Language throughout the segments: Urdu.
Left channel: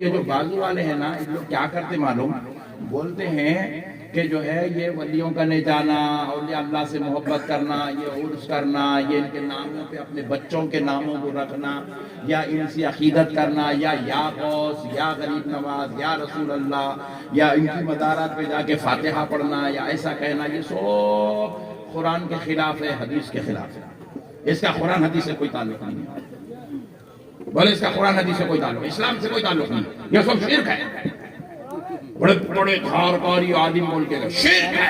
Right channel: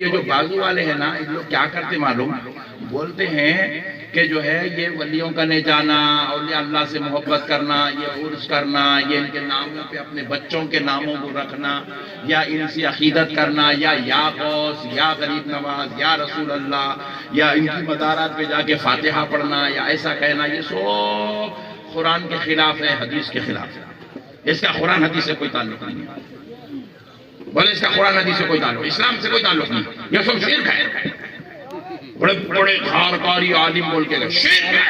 یہ جو بازو والے ہیں نا یہ لوگ کیا کرتے معلوم، بولتے ہیں کہ جو ہے یہ ولیوں کا نہیں جانا، اولیاء اللہ سے محبت کرنا، یہ عرس کرنا، یہ ان کے ناموں پہ اپنے بچوں کے ناموں کو رکھنا، یا ان سے عقیدت کرنا، یا غوث، یا غریب نواز، یا رسول اللہ، یا ان کی مزارات پہ جا کے فاتحہ پڑھنا، یا ایسا کہنا، یہ سب قرآن کے خلاف ہے، حدیث کے خلاف ہے۔ اس کا قرآن حدیث سے کوئی تعلق نہیں ہے۔ بولے اس کا قرآن حدیث سے کوئی تعلق، اسلام سے کوئی تعلق نہیں، یہ سب شرک ہے۔ بڑے بڑے دھارکاری عالم بول کے گئے شرک ہے،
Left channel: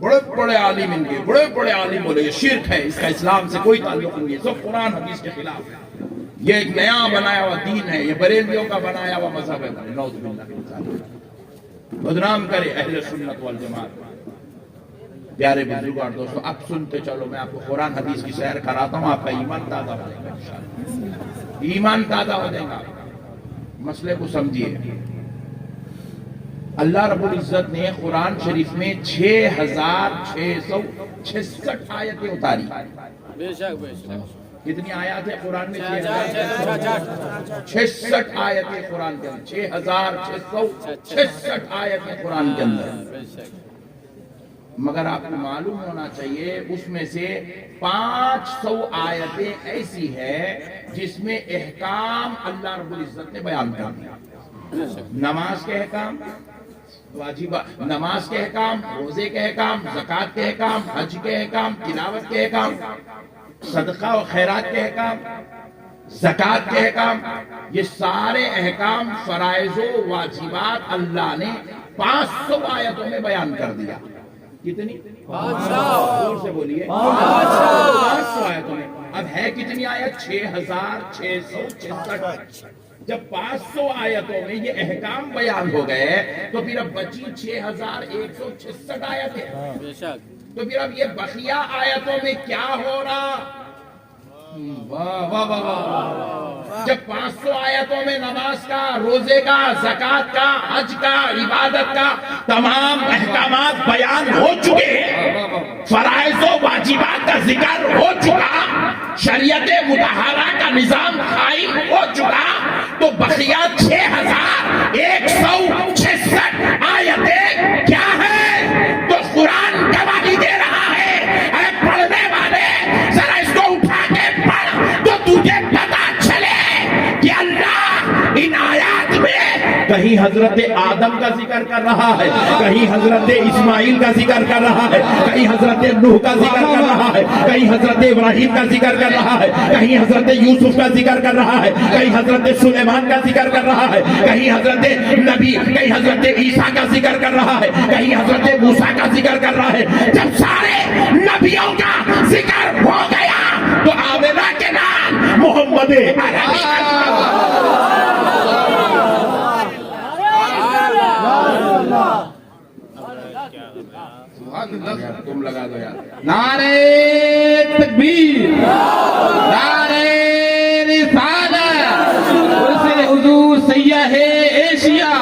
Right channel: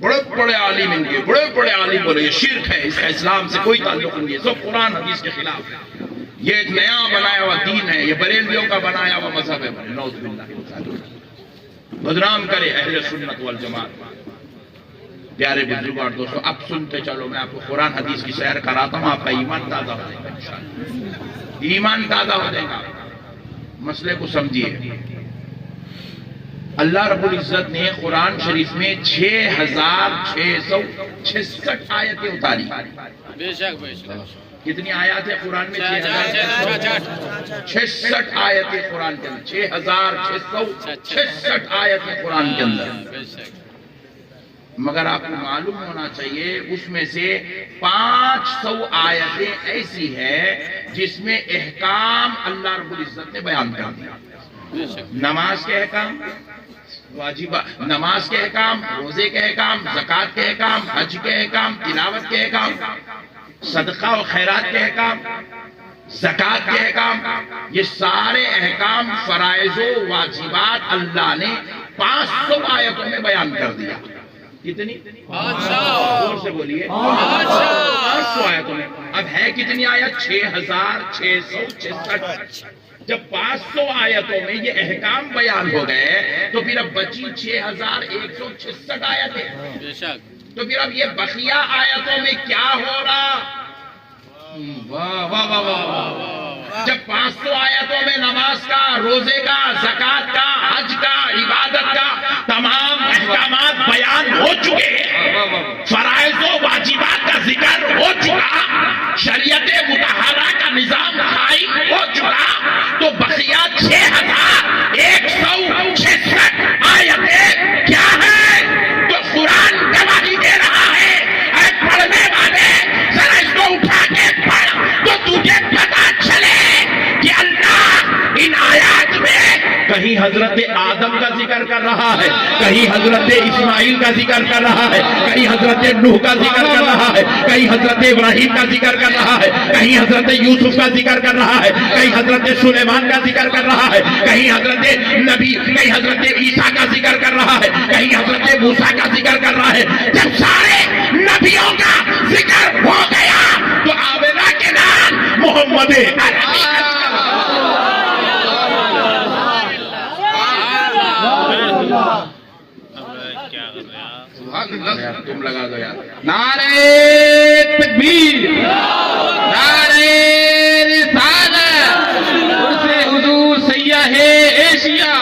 بڑے بڑے عالم ان کے بڑے بڑے عالم بولے یہ شرک ہے، اس کا اسلام سے کوئی تعلق نہیں ہے، سب قرآن حدیث کے خلاف ہے، یہ ایک نیا بنایا ہوا دین ہے، یہ بریلویوں کا بنایا ہوا مذہب ہے۔ نعوذ باللہ، بدنام کرے اہل سنت والجماعت۔ پیارے بزرگوں اور دوستوں، اب سنتے چلو، میں آپ کو قرآن حدیث کی سیر کراتا ہوں، آپ کا ایمان تازہ ہو جائے گا انشاءاللہ، ایمان تازہ ہو جائے گا۔ مسئلے کو سمجھیے، اللہ رب العزت نے قرآن شریف میں 6666 آیتیں اتاری۔ بے شک بے شک۔ کتنی آیات ہے قرآن میں؟ 66 آیتیں قرآن کے اندر، 6666 آیتیں قرآن کے اندر۔ مگر آپ کو معلوم ہونا چاہیے اس میں سے 500 آیتیں ایسی ہے جس میں احکام اللہ رب العزت نے بیان کر دیا۔ نماز کے احکام، واجب نماز کے احکام، روزے کے احکام، زکوٰۃ کے احکام، حج کے احکام، تلاوت کے احکام، صدقہ و خیرات کے احکام، زکوٰۃ کے احکام، یہ سارے احکام، فرائض و واجبات اللہ نے 500 آیتوں میں بیان کر دیا۔ کتنی؟ 500۔ زور سے بولیے، 500 آیتوں میں۔ اب ہے کتنی آیت؟ 6666۔ جب 500 آیتوں میں یہ احکام بیان ہو گئے تو پھر اب بچی 6166 آیتیں۔ تو پھر اب یہ بقیہ آیتوں میں کیا ہو رہا؟ واہ واہ واہ واہ۔ جب 500 آیتوں میں نماز کا، روزے کا، زکوٰۃ کا، حج کا، عبادت کا تمام احکامات بیان ہو چکے، فرائض و واجبات کا ذکر ہو چکا، شریعت مطہرہ کا نظام قائم ہو چکا، تو بقیہ 6166 آیتیں کیا ہے؟ تو قرآن گواہی دے رہا ہے، اے پڑھنے والے ذرا اس کو اٹھا کے پڑھ تو تجھے پتا چلے کہ اللہ ان آیات میں کہیں حضرت آدم کا ذکر کر رہا ہے، کہیں حضرت اسماعیل کا ذکر کر رہا ہے، کہیں حضرت نوح کا ذکر کر رہا ہے، کہیں حضرت ابراہیم کا ذکر کر رہا ہے، کہیں حضرت یوسف کا ذکر کر رہا ہے، کہیں حضرت سلیمان کا ذکر کر رہا ہے، کہیں حضرت نبی، کہیں حضرت عیسیٰ کا ذکر کر رہا ہے، کہیں حضرت موسیٰ کا ذکر کر رہا ہے۔ جب سارے نبیوں کا ذکر ہو گیا تو آمنہ کے نام محمد عربی۔ تم لگا دو یار، نعرہ تکبیر، نعرہ رسالت، عرس حضور سیاح ایشیا،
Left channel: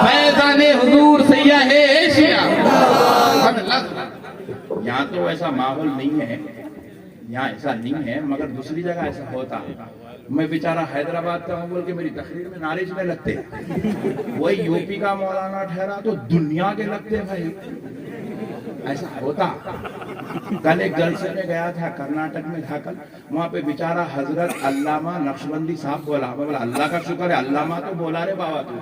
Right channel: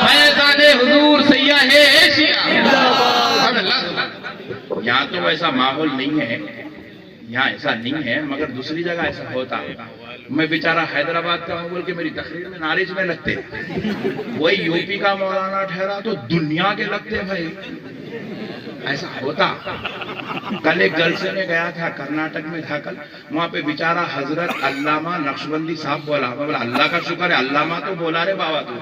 فیضان حضور سیاح ایشیا۔ یہاں تو ایسا ماحول نہیں ہے، یہاں ایسا نہیں ہے، مگر دوسری جگہ ایسا ہوتا۔ میں بیچارہ حیدرآباد کا ہوں بول کے میری تقریر میں نعرے میں لگتے، وہی یو پی کا مولانا ٹھہرا تو دنیا کے لگتے بھائی، ایسا ہوتا۔ کل ایک جلسے میں گیا تھا، کرناٹک میں تھا کل، وہاں پہ بیچارہ حضرت علامہ نقشبندی صاحب بولا، میں بولا اللہ کا شکر ہے علامہ تو بولا رے بابا تو۔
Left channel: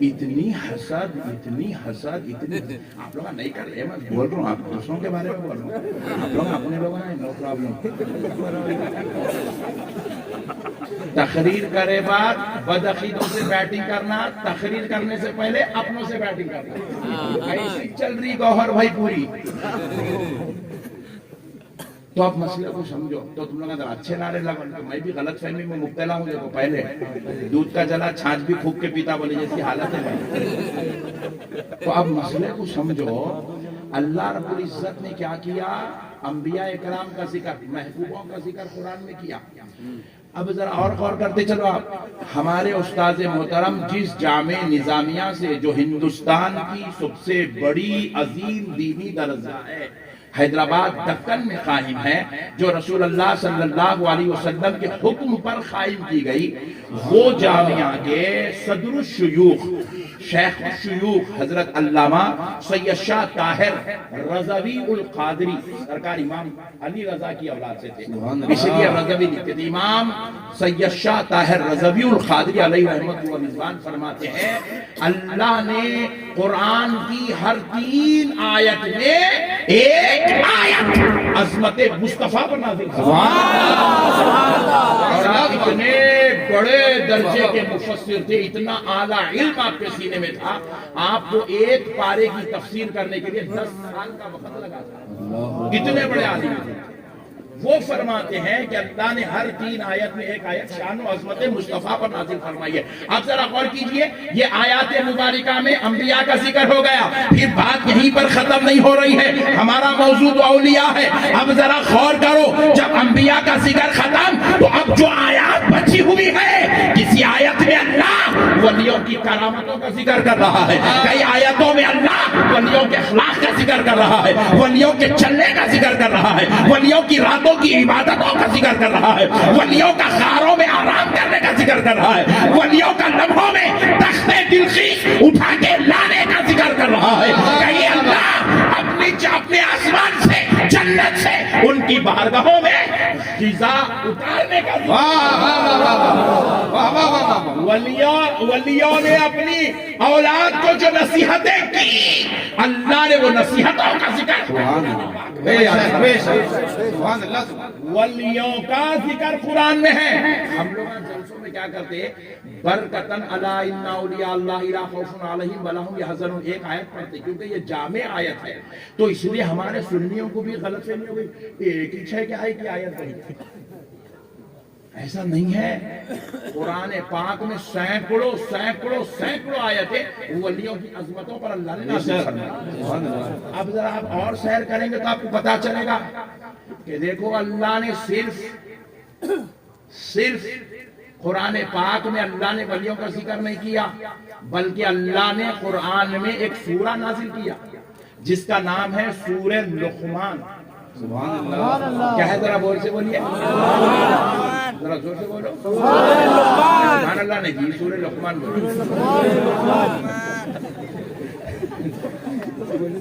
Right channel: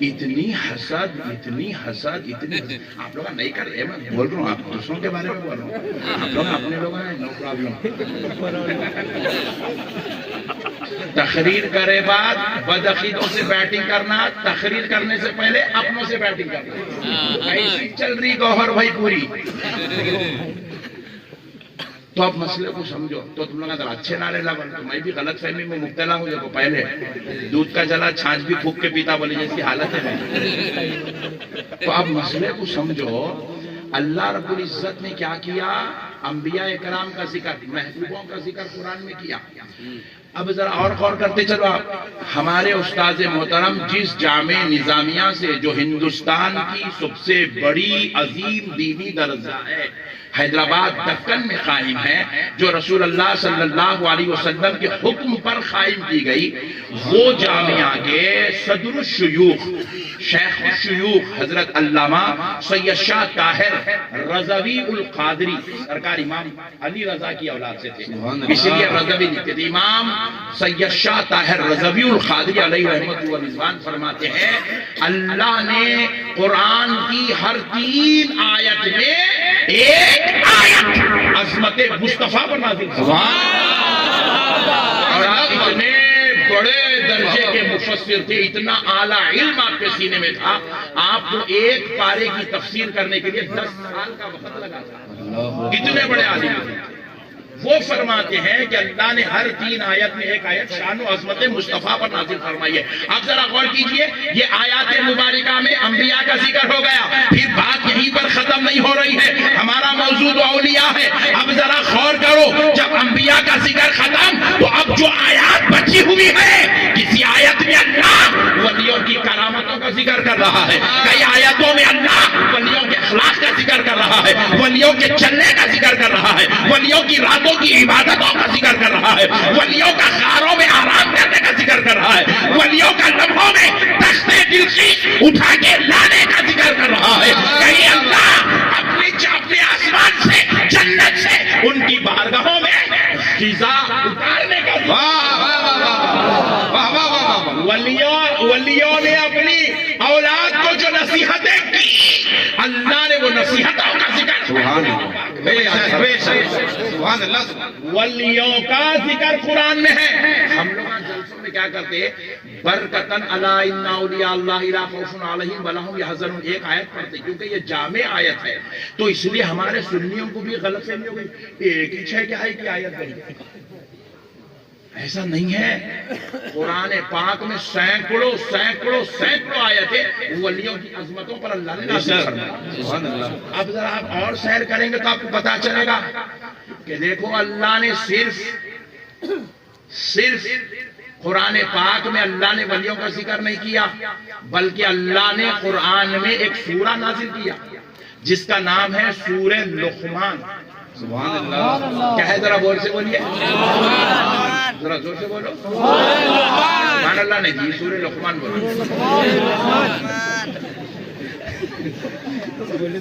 اتنی حسد، اتنی حسد، اتنی حسد آپ لوگ نہیں کر رہے، میں بول رہا ہوں، آپ دوسروں کے بارے میں بول رہا ہوں، آپ لوگ اپنے لوگ ہیں، نو پرابلم۔ تقریر کرے بعد بدعقیدوں سے بیٹنگ کرنا، تقریر کرنے سے پہلے اپنوں سے بیٹنگ کرنا، ایسی چل رہی گوہر بھائی پوری۔ تو اب مسئلے کو سمجھو، تو تم لوگ اگر اچھے نعرے لگو، تو میں بھی غلط فہمی میں مبتلا ہوں۔ دیکھو پہلے دودھ کا جلا چھاچھ بھی پھونک کے پیتا بولے جیسی حالت ہے میری۔ تو اب مسئلے کو سمجھو، اللہ رب العزت نے کیا کیا؟ انبیاء اکرام کا ذکر، محبوبوں کا ذکر قرآن میں کیا۔ اب ذرا اور غور کرتے چلو آپ، ہمارے استاد محترم جس جامع نظامیہ سے، جو ہندوستان کی سب سے بڑی عظیم دینی درسگاہ ہے، حیدرآباد دکن میں قائم ہے، جو رسول اللہ صلی اللہ علیہ وسلم کے حکم پر قائم کی گئی، وہ جامعہ کے صدر الشیوخ شیخ الشیوخ حضرت علامہ سید شاہ طاہر رضوی القادری سرکار امام علی رضا کی اولاد سے تھے، اس لیے رضوی لکھتے تھے۔ امام سید شاہ طاہر رضوی القادری علیہ رحمت و رضوان فرماتے ہیں اللہ نے قرآن کی ہر 3 آیت میں ایک آیت عظمت مصطفیٰ پر نازل کی، اور آپ اتنے بڑے درجے کے مفسر تھے، اتنا اعلیٰ علم آپ کے سینے میں تھا، آپ کو ایک پارے کی تفسیر کرنے کے لیے 10 سال کا وقت لگا تھا، اتنے بڑے عالم تھے۔ وہ فرماتے ہیں کہ اللہ نے ہر 3 آیت میں ایک آیت شان و عظمت مصطفیٰ پر نازل فرمائی ہے۔ اب ذرا غور کیجئے، یہ آیات مبارکہ میں انبیاء کا ذکر ہو گیا، پھر بات یہیں پر ختم نہیں ہو رہی ہے، ہمارا موضوع تو اولیاء ہے۔ اب ذرا غور کرو، جب انبیاء کا ذکر ختم تو اب جو آیات بچی ہوئی ہے، کسی آیت میں اللہ ولیوں کی کرامتوں کا ذکر کر رہا ہے، کئی آیتوں میں اللہ ولیوں کے اخلاق کا ذکر کر رہا ہے، ولیوں کے چلنے کا ذکر کر رہا ہے، ولیوں کی راتوں کی عبادتوں کا ذکر کر رہا ہے، ولیوں کا غاروں میں آرام کرنے کا ذکر کر رہا ہے، ولیوں کا لمحوں میں تخت دلخیش اٹھا کے لانے کا ذکر کر رہا ہے۔ کہیں اللہ اپنے آسمان سے جنت سے ان کی بارگاہوں میں غذا اتارنے کا ولیوں نے اپنی اولاد کو جو نصیحتیں کی، اللہ نے وہ نصیحتوں کا ذکر، ولیوں کا ذکر قرآن میں ہے۔ ہم لوگ جلسوں میں کیا کرتے ہیں، برکتن الا ان اولیاء اللہ لا خوف علیہم ولا هم یحزنون ایک آیت پڑھتے کیونکہ یہ جامع آیت ہے، تو اس لیے ہمارے سنیوں کو بھی غلط فہمی ہو گئی، ایک ہی 6 کی آیت پڑھی۔ ایسا نہیں ہے، قرآن پاک میں سینکڑوں آیتیں ولیوں کی عظمتوں پر اللہ نے نازل فرمائی۔ اب ذرا آپ اور سیر کریں گے تو آپ کو پتا چلے گا کہ دیکھو اللہ نے صرف قرآن پاک میں اللہ نے ولیوں کا ذکر نہیں کیا، بلکہ اللہ نے قرآن میں ایک سورہ نازل کیا جس کا نام ہے سورہ لقمان۔ سبحان اللہ، کیا ہے ذرا بول سے بولیے، ذرا زور سے بولو، سبحان اللہ نے جی سورہ لقمان بولو،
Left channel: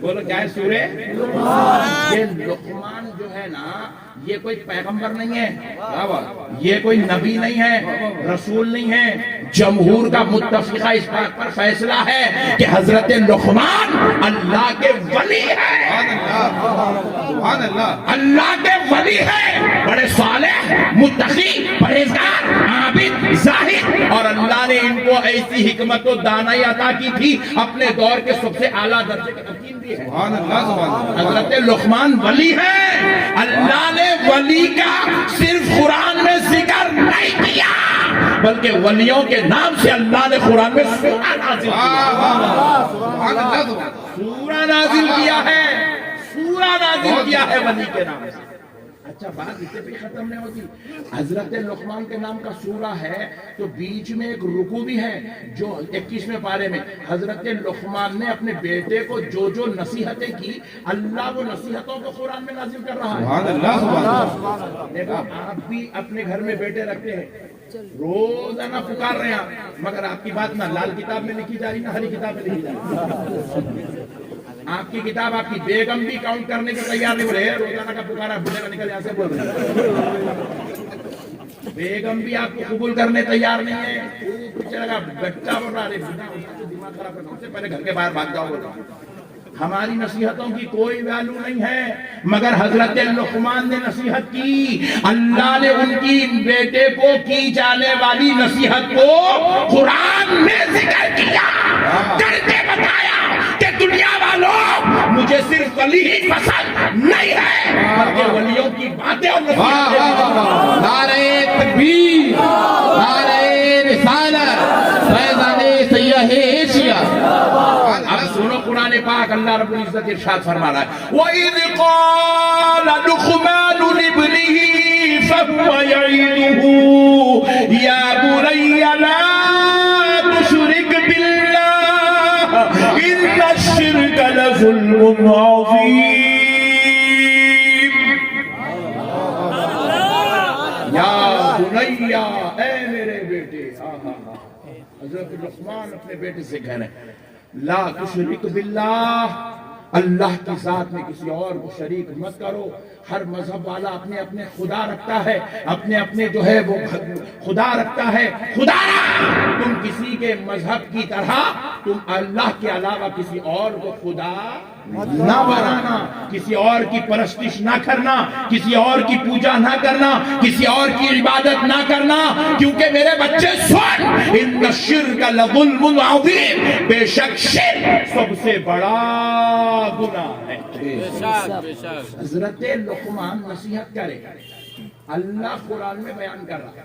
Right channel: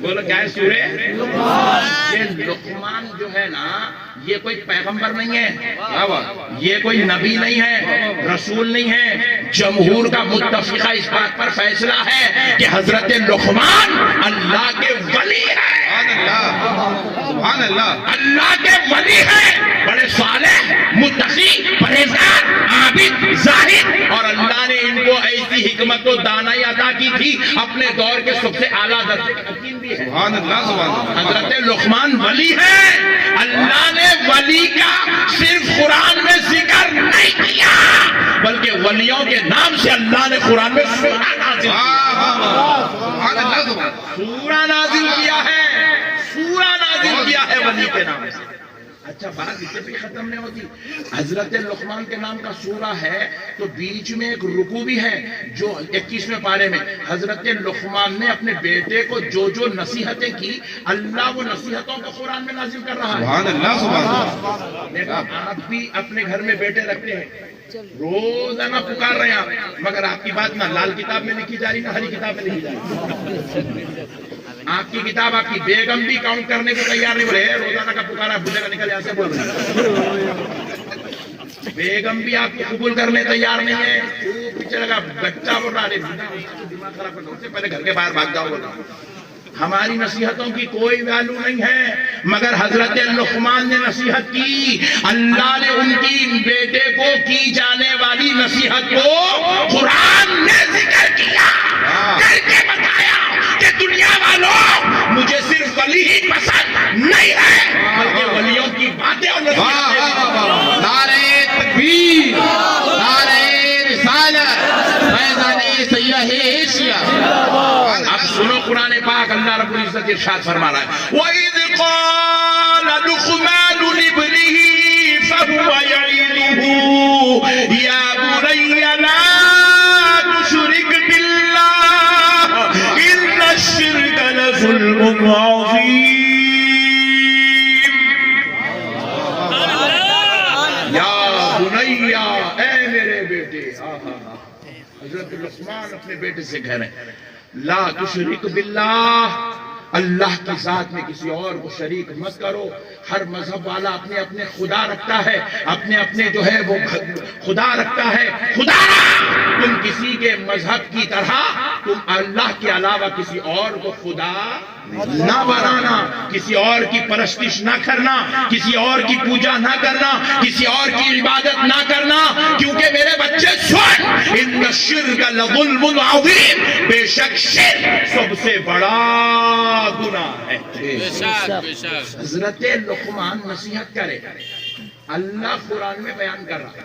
بولو کیا ہے سورہ؟ یہ لقمان جو ہے نا، یہ کوئی پیغمبر نہیں ہے، یہ کوئی نبی نہیں ہے، رسول نہیں ہے، جمہور کا متفقہ اس بات پر فیصلہ ہے کہ حضرت لقمان اللہ کے ولی ہے، سبحان اللہ، اللہ کے ولی ہے، بڑے صالح، متقی، پرہیزگار، عابد، زاہد، اور اللہ نے ان کو ایسی حکمت و دانائی عطا کی تھی، اپنے دور کے سب سے اعلیٰ درجے کا حکیم بھی ہے۔ سبحان اللہ، سبحان اللہ، حضرت لقمان ولی ہے۔ اللہ نے ولی کا صرف قرآن میں ذکر نہیں کیا، بلکہ ولیوں کے نام سے اللہ نے قرآن میں سورہ نازل کیا ہے، سورہ نازل کیا ہے ولی کے نام سے۔ اچھا بات اسے بھی ختم نہیں ہوتی، حضرت لقمان کے نام کا سورہ ہے تو بیچ میں ایک رکوع بھی ہے جو 21ویں پارے میں حضرت لقمان نے اپنے بیٹے کو جو نصیحتیں کی، اللہ وہ نصیحتوں کو قرآن میں نازل کر رہا ہے۔ سبحان اللہ، سبحان اللہ۔ دیکھو آپ بھی اپنے گھر میں بیٹے رکھتے ہیں، روزانہ پکار رہے ہیں، مگر آپ کی بات نہ لال کتاب میں لکھی جا رہی نہ ہری کتاب میں لکھی جا رہی۔ آپ کی کتاب آپ کی بیگم بھی کاؤنٹ کرنے کو تیار نہیں، بولے روزانہ کا پکارا بھولے کا نکل ایسے بول رہے ہیں، بیگم بھی آپ کو قبول کرنے تیار نہیں ہے، پیچھے لگا بچہ بول رہا ہے دماغ خراب کرنا، اس سے پہلے گھر کے باہر بھاگ جاؤ بول رہا۔ ہماری نصیحتوں کی کوئی ویلیو نہیں ہے، مگر حضرت لقمان نے نصیحت کی، اللہ نے ان کی بیٹے کو کی جانے والی نصیحت کو قرآن نے ذکر کیا، کر کے بتایا کہ دنیا والوں مجھے صرف ولی ہی پسند نہیں ہے، بلکہ ولیوں کی باتیں اور نصیحتیں۔ نعرہ تکبیر، نعرہ رسالت، فیضان سیاہ ایشیا۔ اب سنو قرآن پاک، اللہ رب العزت ارشاد فرما رہا ہے وَإِذْ قَالَ لُقْمَانُ لِابْنِهِ فَهُوَ يَعِظُهُ يَا بُنَيَّ لَا تُشْرِكْ بِاللَّهِ إِنَّ الشِّرْكَ لَظُلْمٌ عَظِيمٌ۔ بنیا، اے میرے بیٹے، حضرت لقمان اپنے بیٹے سے کہہ رہے ہیں لا تشرک باللہ، اللہ کی ذات میں کسی اور کو شریک مت کرو۔ ہر مذہب والا اپنے اپنے خدا رکھتا ہے، اپنے اپنے جو ہے وہ خدا رکھتا ہے۔ خدا تم کسی کے مذہب کی طرح تم اللہ کے علاوہ کسی اور کو خدا نہ بنانا، کسی اور کی پرستش نہ کرنا، کسی اور کی پوجا نہ کرنا، کسی اور کی عبادت نہ کرنا، کیونکہ میرے بچے سن، ان الشرک لظلم عظیم، بے شک شرک سب سے بڑا گناہ ہے۔ بے شک بے شک حضرت لقمان نصیحت کرے، اللہ قرآن میں بیان کر رہا ہے۔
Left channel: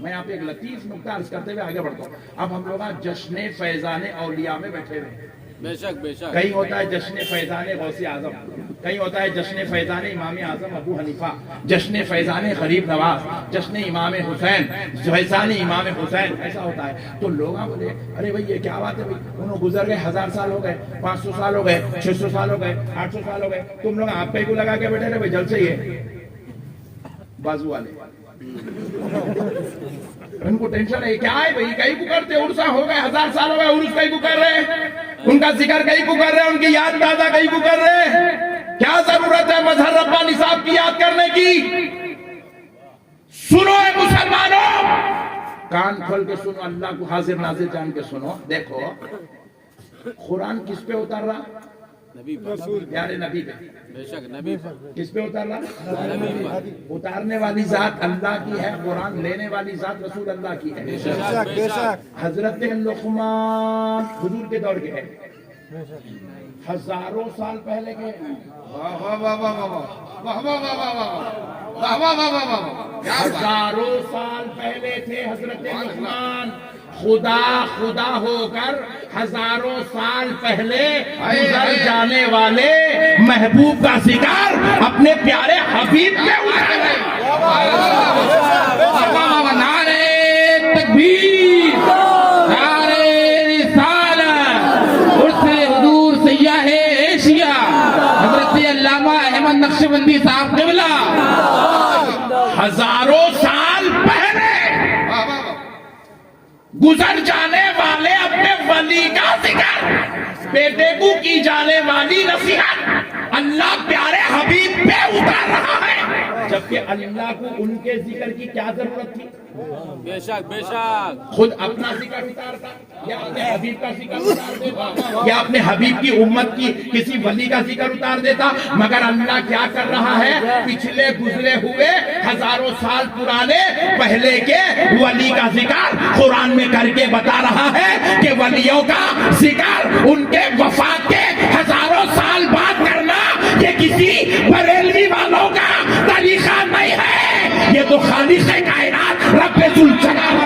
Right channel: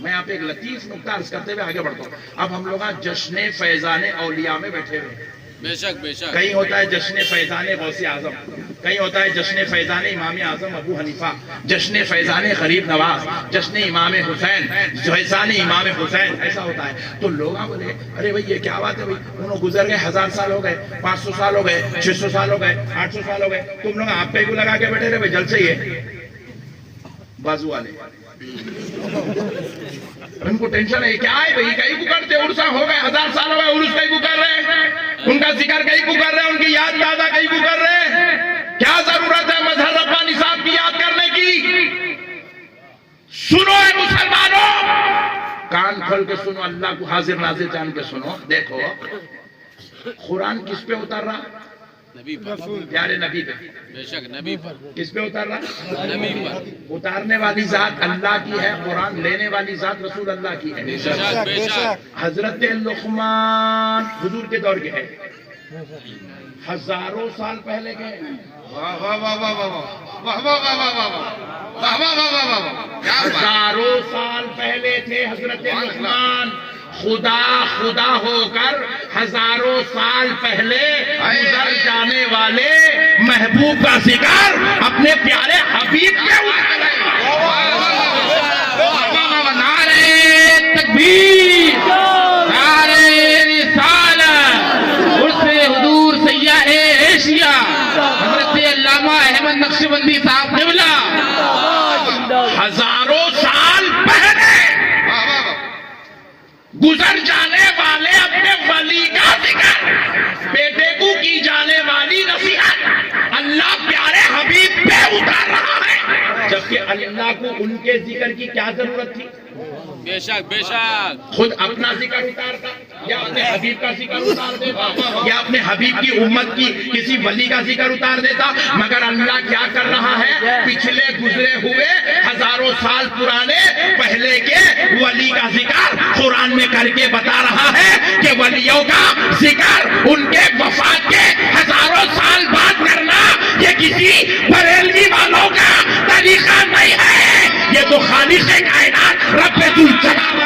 میں آپ ایک لطیف نکتہ عرض کرتے ہوئے آگے بڑھتا ہوں۔ اب ہم لوگ جشن فیضان اولیاء میں بیٹھے ہوئے ہیں۔ بے شک بے شک کہیں ہوتا ہے جشن فیضان غوث اعظم، کہیں ہوتا ہے جشن فیضان امام اعظم ابو حنیفہ، جشن فیضان غریب نواز، جشن امام حسین، فیضان امام حسین، ایسا ہوتا ہے۔ تو لوگ بولے ارے بھائی یہ کیا بات ہے بھائی، انہوں گزر گئے 1000 سال ہو گئے، 500 سال ہو گئے، 600 سال ہو گئے، 800 سال ہو گئے، تم لوگ آپ پہ کو لگا کے بیٹھے رہے بھائی جلد سے یہ بازو والے ان کو ٹینشن ہے کیا ہے بھائی، کہیں کو کرتے عرصہ ہو گئے 1000 سال ہو گئے، عرص کہیں کو کر رہے ہیں، ان کا ذکر کہیں کو کر رہے ہیں، ان کی یاد تازہ کہیں کو کر رہے ہیں، کیا ضرورت ہے مظہر ربانی صاحب کی یاد کرنے کی؟ سنو اے مسلمانوں، کان کھول کے سنو، اللہ کو حاضر ناظر جان کے سنو۔ دیکھو قرآن کس پہ اتر رہا؟ نبی پر، پیارے نبی پہ۔ بے شک نبی پر، کس پہ اتر رہا؟ نبی پر، اتارنے والی ذات اللہ کی ہے، قرآن لینے والی ذات رسول اللہ کی ہے۔ بے شک بے شک حضرت لقمان حضور کے دور کے ہیں، ہزاروں سال پہلے کے ہیں۔ ہزاروں سال پہلے تھے حضرت لقمان، خدا خدا ہو کر ہزاروں سال پہلے گزر جانے والے محبوب کا ذکر اپنے پیارے حبیب کے نعرے تکبیر، نعرے رسالت، عرص حضور سیاح ایشیا حضرت علامہ احمد نقشبندی صاحب قبلہ ہزاروں سال پہلے گزر جانے والے اپنے ولی کا ذکر، بیٹے کو کی جانے والی نصیحت اللہ پیارے حبیب پہ اتار رہا ہے، جبکہ اللہ کو ان کے ذکر کی کیا ضرورت تھی؟ بے شک بے شک خود اپنا ذکر اتارتا یا اپنے حبیب کا ذکر اتار دیتا یا اپنے حبیب کی امت کی کسی ولی کا ذکر اتار دیتا، مگر اللہ کیا کر رہا ہے؟ پچھلے گزرے ہوئے ہزاروں سال پرانے پہلے کے ولی کا ذکر قرآن میں کر کے بتا رہا ہے کہ ولیوں کا ذکر ان کے وفات کے ہزاروں سال بعد کرنا یہ کسی بریلوی والوں کا طریقہ نہیں ہے، یہ تو خالق کائنات رب ذوالجلال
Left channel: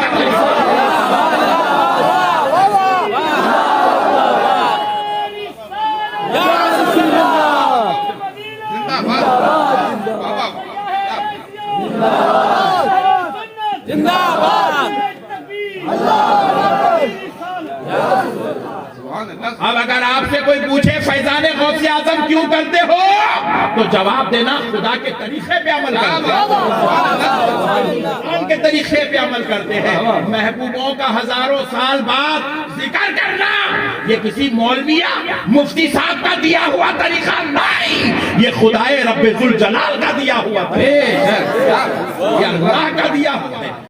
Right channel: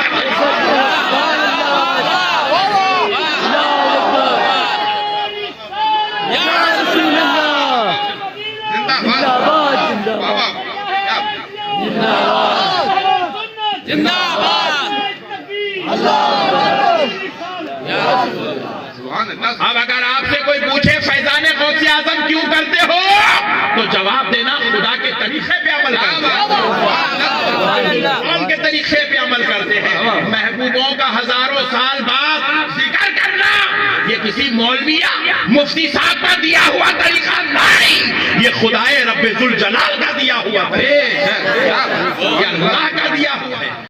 اب اگر آپ سے کوئی پوچھے فیضان غوث اعظم کیوں کرتے ہو تو جواب دینا خدا کے طریقے پہ عمل کرتے ہیں، ان کے طریقے پہ عمل کرتے ہیں۔ محبوبوں کا ہزاروں سال بعد ذکر کرنا یہ کسی مولویا مفتی صاحب کا دیا ہوا طریقہ نہیں، یہ خدائے رب ذوالجلال کا دیا ہوا طریقہ، یہ اللہ کا دیا ہوا ہے۔